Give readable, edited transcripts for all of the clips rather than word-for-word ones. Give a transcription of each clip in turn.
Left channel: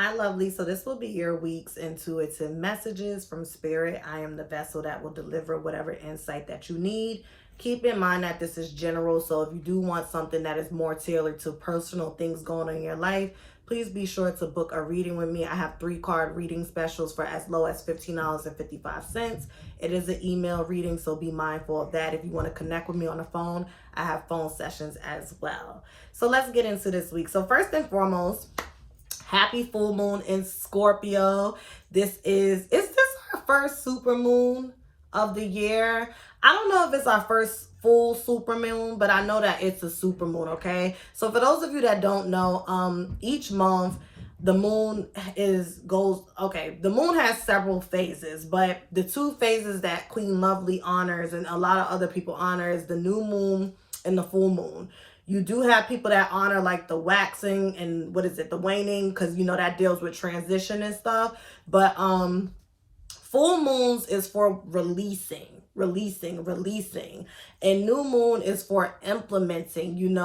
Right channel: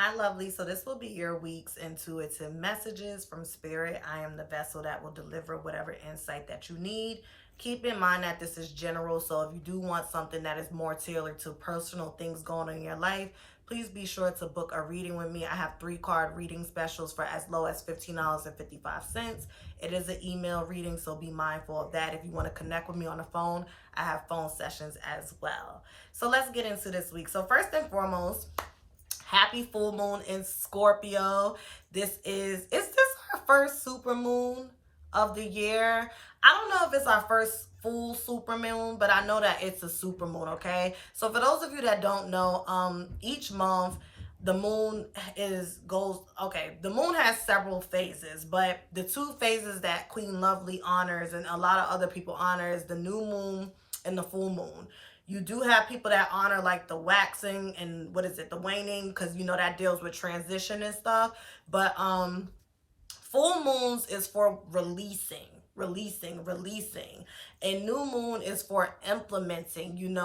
Hi, lovely. So this will be your week's intuitive messages from Spirit. I am the vessel that will deliver whatever insight that you need. Keep in mind that this is general. So if you do want something that is more tailored to personal things going on in your life, please be sure to book a reading with me. I have 3 card reading specials for as low as $15.55. It is an email reading, so be mindful of that. If you want to connect with me on the phone, I have phone sessions as well. So let's get into this week. So first and foremost, happy full moon in Scorpio. Is this our first super moon of the year? I don't know if it's our first full super moon, but I know that it's a super moon, okay? So for those of you that don't know, each month the moon the moon has several phases, but the 2 phases that Queen Lovelee honors and a lot of other people honor is the new moon and the full moon. You do have people that honor like the waxing and the waning, because you know that deals with transition and stuff. But full moons is for releasing. And new moon is for implementing,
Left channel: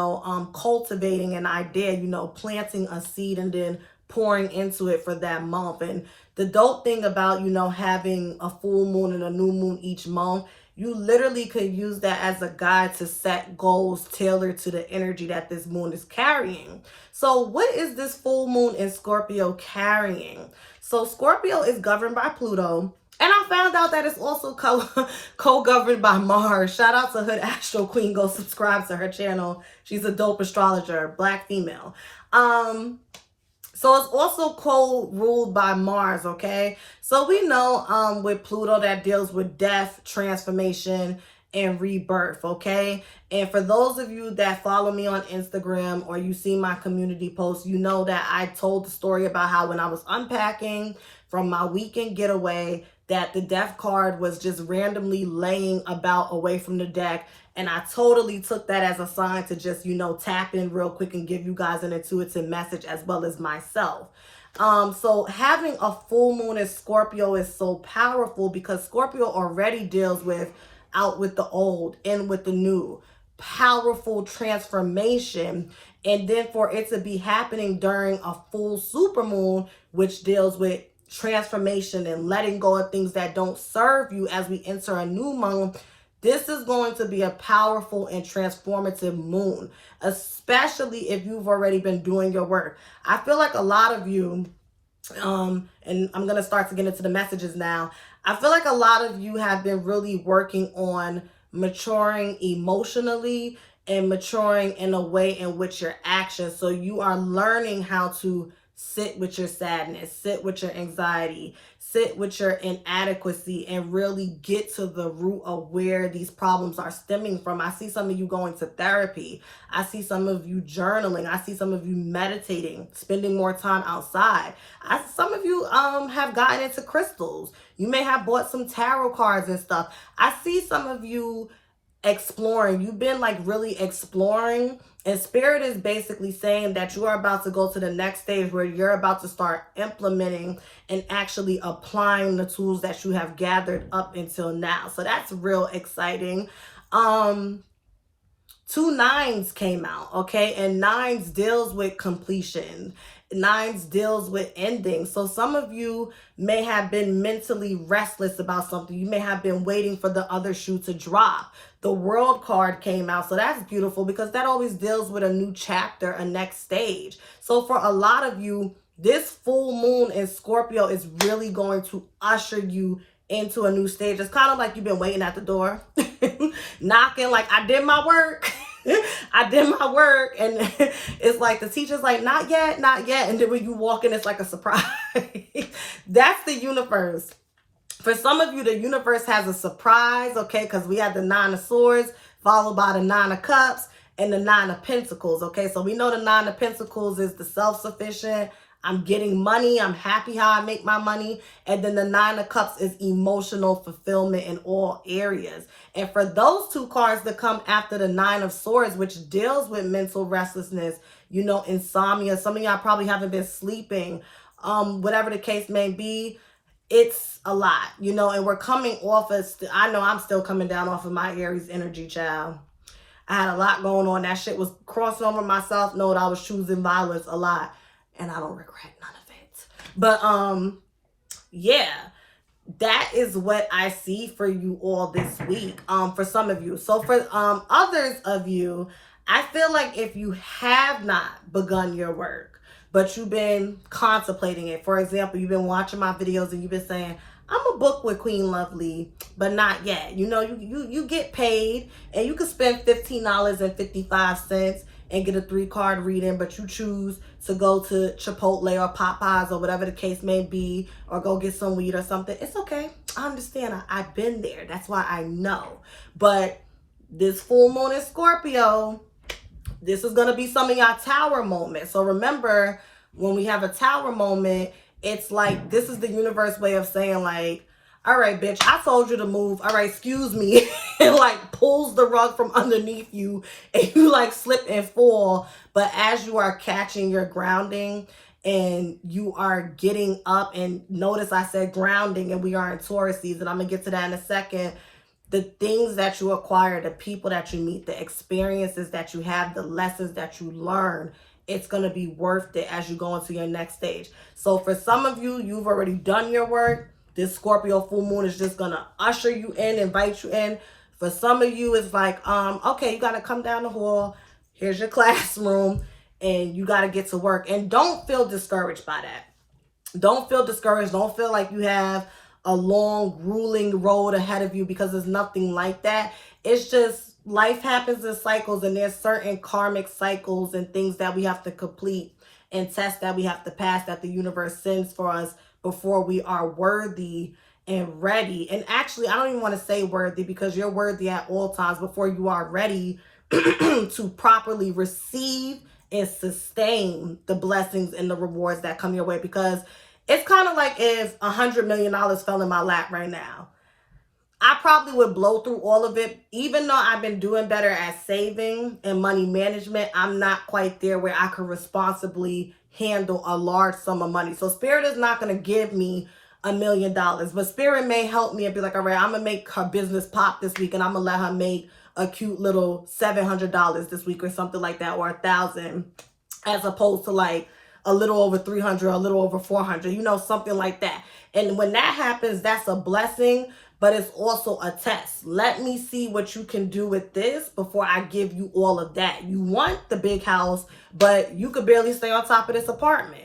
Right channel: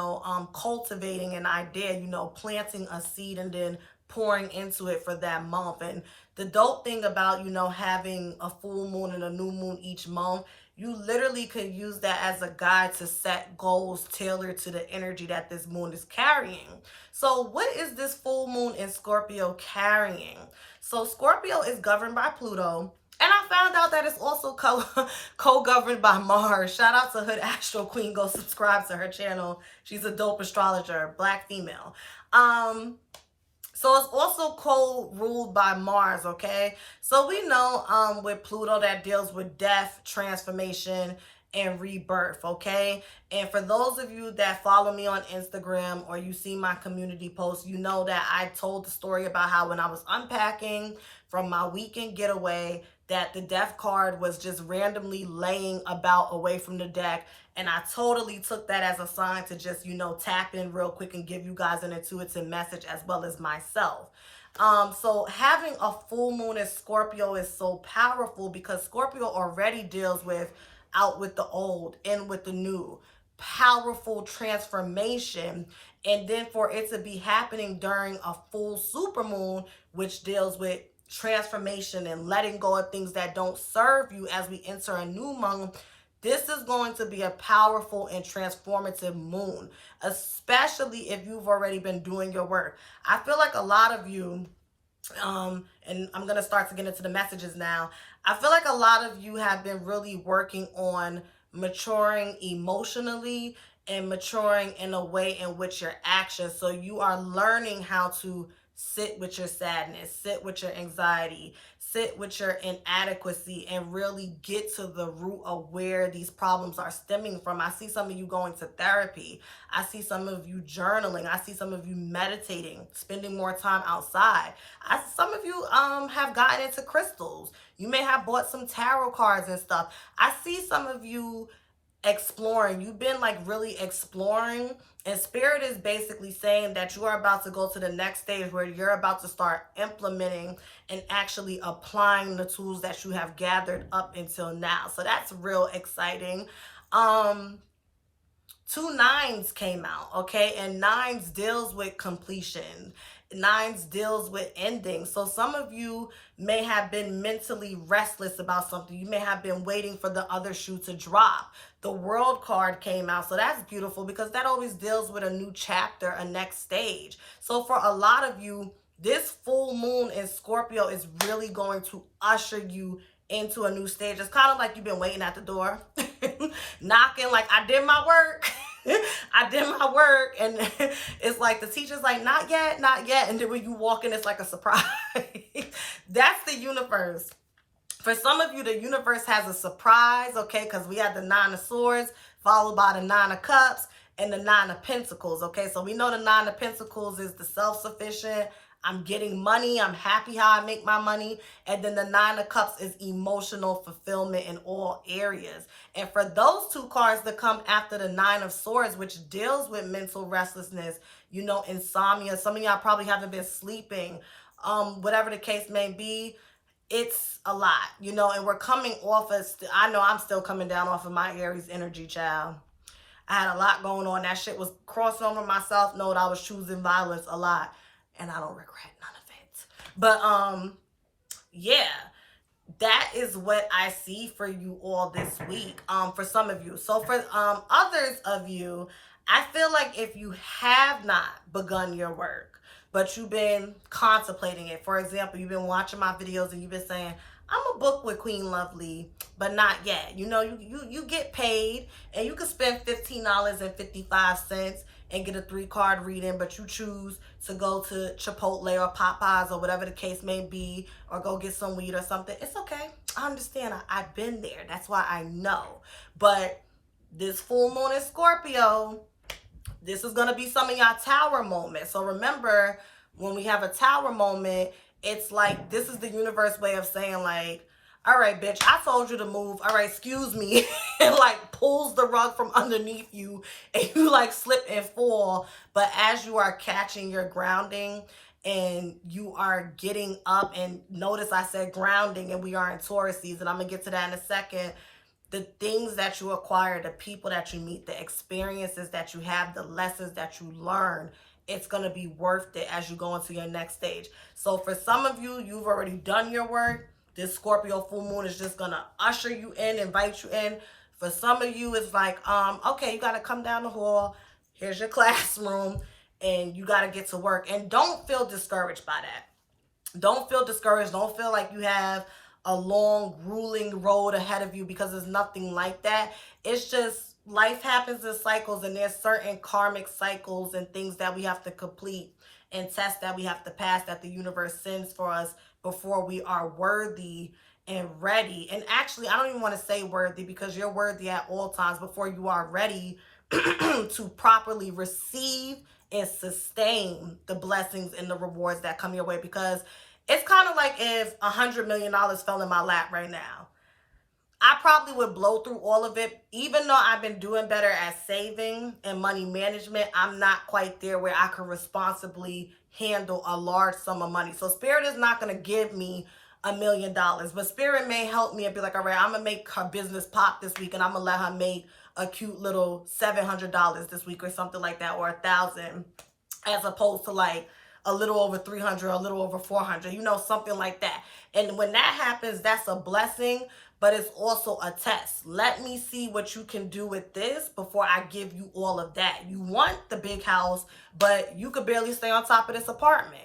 cultivating an idea, planting a seed and then pouring into it for that month. And the dope thing about, having a full moon and a new moon each month, you literally could use that as a guide to set goals tailored to the energy that this moon is carrying. So what is this full moon in Scorpio carrying? So Scorpio is governed by Pluto. And I found out that it's also co-governed by Mars. Shout out to Hood Astro Queen. Go subscribe to her channel. She's a dope astrologer, Black female. So it's also co-ruled by Mars, okay? So we know with Pluto that deals with death, transformation, and rebirth, okay? And for those of you that follow me on Instagram or you see my community posts, you know that I told the story about how when I was unpacking from my weekend getaway, that the death card was just randomly laying about away from the deck. And I totally took that as a sign to just, tap in real quick and give you guys an intuitive message as well as myself. So having a full moon in Scorpio is so powerful because Scorpio already deals with out with the old, in with the new, powerful transformation. And then for it to be happening during a full super moon, which deals with transformation and letting go of things that don't serve you as we enter a new month, this is going to be a powerful and transformative moon, especially if you've already been doing your work. I feel like a lot of you, and I'm going to start to get into the messages now. I feel like a lot of you have been really working on maturing emotionally and maturing in a way in which your actions. So you are learning how to sit with your sadness, sit with your anxiety, sit with your inadequacy, and really get to the root of where these problems are stemming from. I see some of you going to therapy. I see some of you journaling. I see some of you meditating, spending more time outside. Some of you have gotten into crystals. You may have bought some tarot cards and stuff. I see some of you exploring. You've been like really exploring, and Spirit is basically saying that you are about to go to the next stage where you're about to start implementing and actually applying the tools that you have gathered up until now. So that's real exciting. 2 nines came out, okay? And 9s deals with completion. 9s deals with ending. So some of you may have been mentally restless about something. You may have been waiting for the other shoe to drop. The World card came out. So that's beautiful because that always deals with a new chapter, a next stage. So for a lot of you, this full moon in Scorpio is really going to usher you into a new stage. It's kind of like you've been waiting at the door, knocking like, I did my work. I did my work. And it's like the teacher's like, not yet, not yet. And then when you walk in, it's like a surprise. That's the universe. For some of you, the universe has a surprise, okay? Because we had the 9 of Swords followed by the 9 of Cups and the 9 of Pentacles, okay? So we know the 9 of Pentacles is the self-sufficient. I'm getting money. I'm happy how I make my money. And then the 9 of Cups is emotional fulfillment in all areas. And for those 2 cards that come after the 9 of Swords, which deals with mental restlessness, insomnia. Some of y'all probably haven't been sleeping. Whatever the case may be, it's a lot, and we're coming off of, I know I'm still coming down off of my Aries energy, child. I had a lot going on. That shit was crossing over myself. Know that I was choosing violence a lot. And I don't regret none of it. But yeah, that is what I see for you all this week, for some of you. So for others of you, I feel like if you have not begun your work, but you've been contemplating it, for example, you've been watching my videos and you've been saying, I'm a book with Queen Lovelee, but not yet. You know, you get paid and you can spend $15.55 and get a 3-card reading, but you choose to go to Chipotle or Popeyes or whatever the case may be, or go get some weed or something. It's okay. I understand. I've been there. That's why I know. But this full moon in Scorpio, this is going to be some of y'all tower moments. So remember, when we have a tower moment, it's like, this is the universe way of saying like, all right, bitch, I told you to move. All right, excuse me. And like pulls the rug from underneath you and you like slip and fall. But as you are catching your grounding and you are getting up, and notice I said grounding and we are in Taurus season. I'm going to get to that in a second. The things that you acquire, the people that you meet, the experiences that you have, the lessons that you learn, it's going to be worth it as you go into your next stage. So for some of you, you've already done your work. This Scorpio full moon is just going to usher you in, invite you in. For some of you, it's like, okay, you got to come down the hall. Here's your classroom and you got to get to work. And don't feel discouraged by that. Don't feel discouraged. Don't feel like you have a long, grueling road ahead of you, because there's nothing like that. It's just life happens in cycles, and there's certain karmic cycles and things that we have to complete and tests that we have to pass that the universe sends for us before we are worthy and ready. And actually, I don't even want to say worthy, because you're worthy at all times before you are ready to properly receive and sustain the blessings and the rewards that come your way. Because it's kind of like if $100 million fell in my lap right now. I probably would blow through all of it. Even though I've been doing better at saving and money management, I'm not quite there where I could responsibly handle a large sum of money. So Spirit is not going to give me $1 million, but Spirit may help me and be like, all right, I'm going to make her business pop this week, and I'm going to let her make a cute little $700 this week or something like that, or $1,000, as opposed to like a little over 300, a little over 400, you know, something like that. And when that happens, that's a blessing, but it's also a test. Let me see what you can do with this before I give you all of that. You want the big house, but you could barely stay on top of this apartment.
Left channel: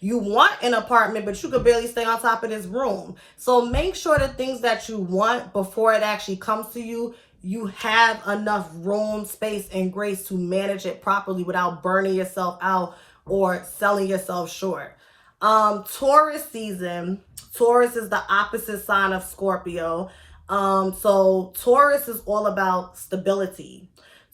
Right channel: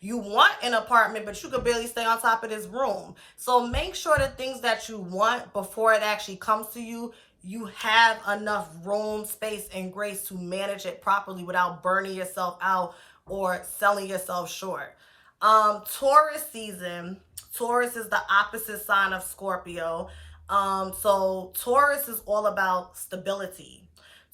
You want an apartment, but you could barely stay on top of this room. So make sure the things that you want, before it actually comes to you, you have enough room, space, and grace to manage it properly without burning yourself out or selling yourself short. Taurus season. Taurus is the opposite sign of Scorpio. So Taurus is all about stability.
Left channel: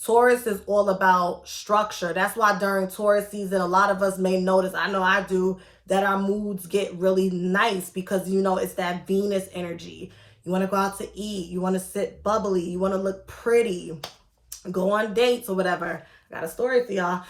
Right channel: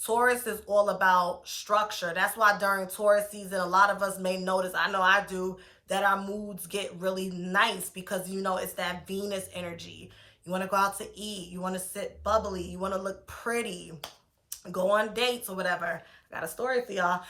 Taurus is all about structure. That's why during Taurus season, a lot of us may notice, I know I do, that our moods get really nice, because, you know, it's that Venus energy. You want to go out to eat. You want to sit bubbly. You want to look pretty. Go on dates or whatever. I got a story for y'all.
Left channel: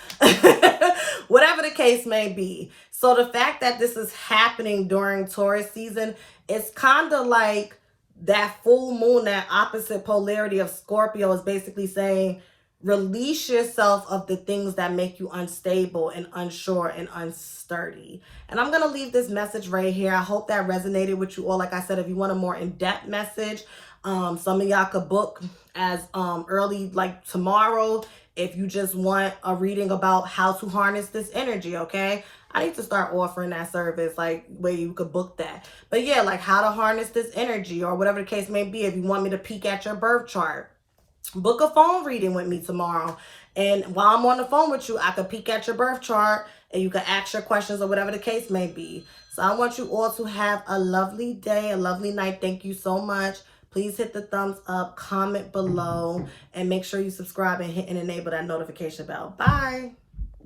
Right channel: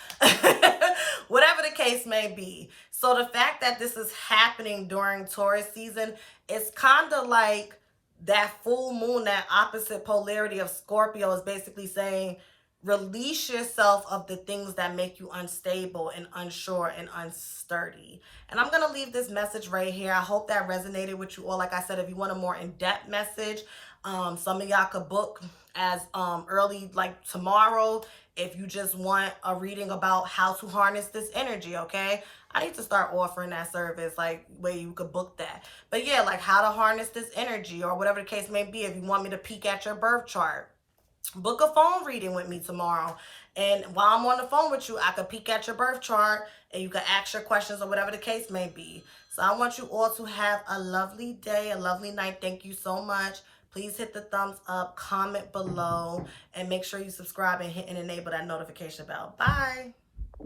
Whatever the case may be. So the fact that this is happening during Taurus season, it's kind of like that full moon, that opposite polarity of Scorpio, is basically saying, release yourself of the things that make you unstable and unsure and unsturdy. And I'm going to leave this message right here. I hope that resonated with you all. Like I said, if you want a more in-depth message, some of y'all could book as early, like tomorrow, if you just want a reading about how to harness this energy, okay? I need to start offering that service, like where you could book that. But yeah, like how to harness this energy, or whatever the case may be. If you want me to peek at your birth chart, book a phone reading with me tomorrow. And while I'm on the phone with you, I could peek at your birth chart and you can ask your questions or whatever the case may be. So I want you all to have a lovely day, a lovely night. Thank you so much. Please hit the thumbs up, comment below, and make sure you subscribe and hit and enable that notification bell. Bye.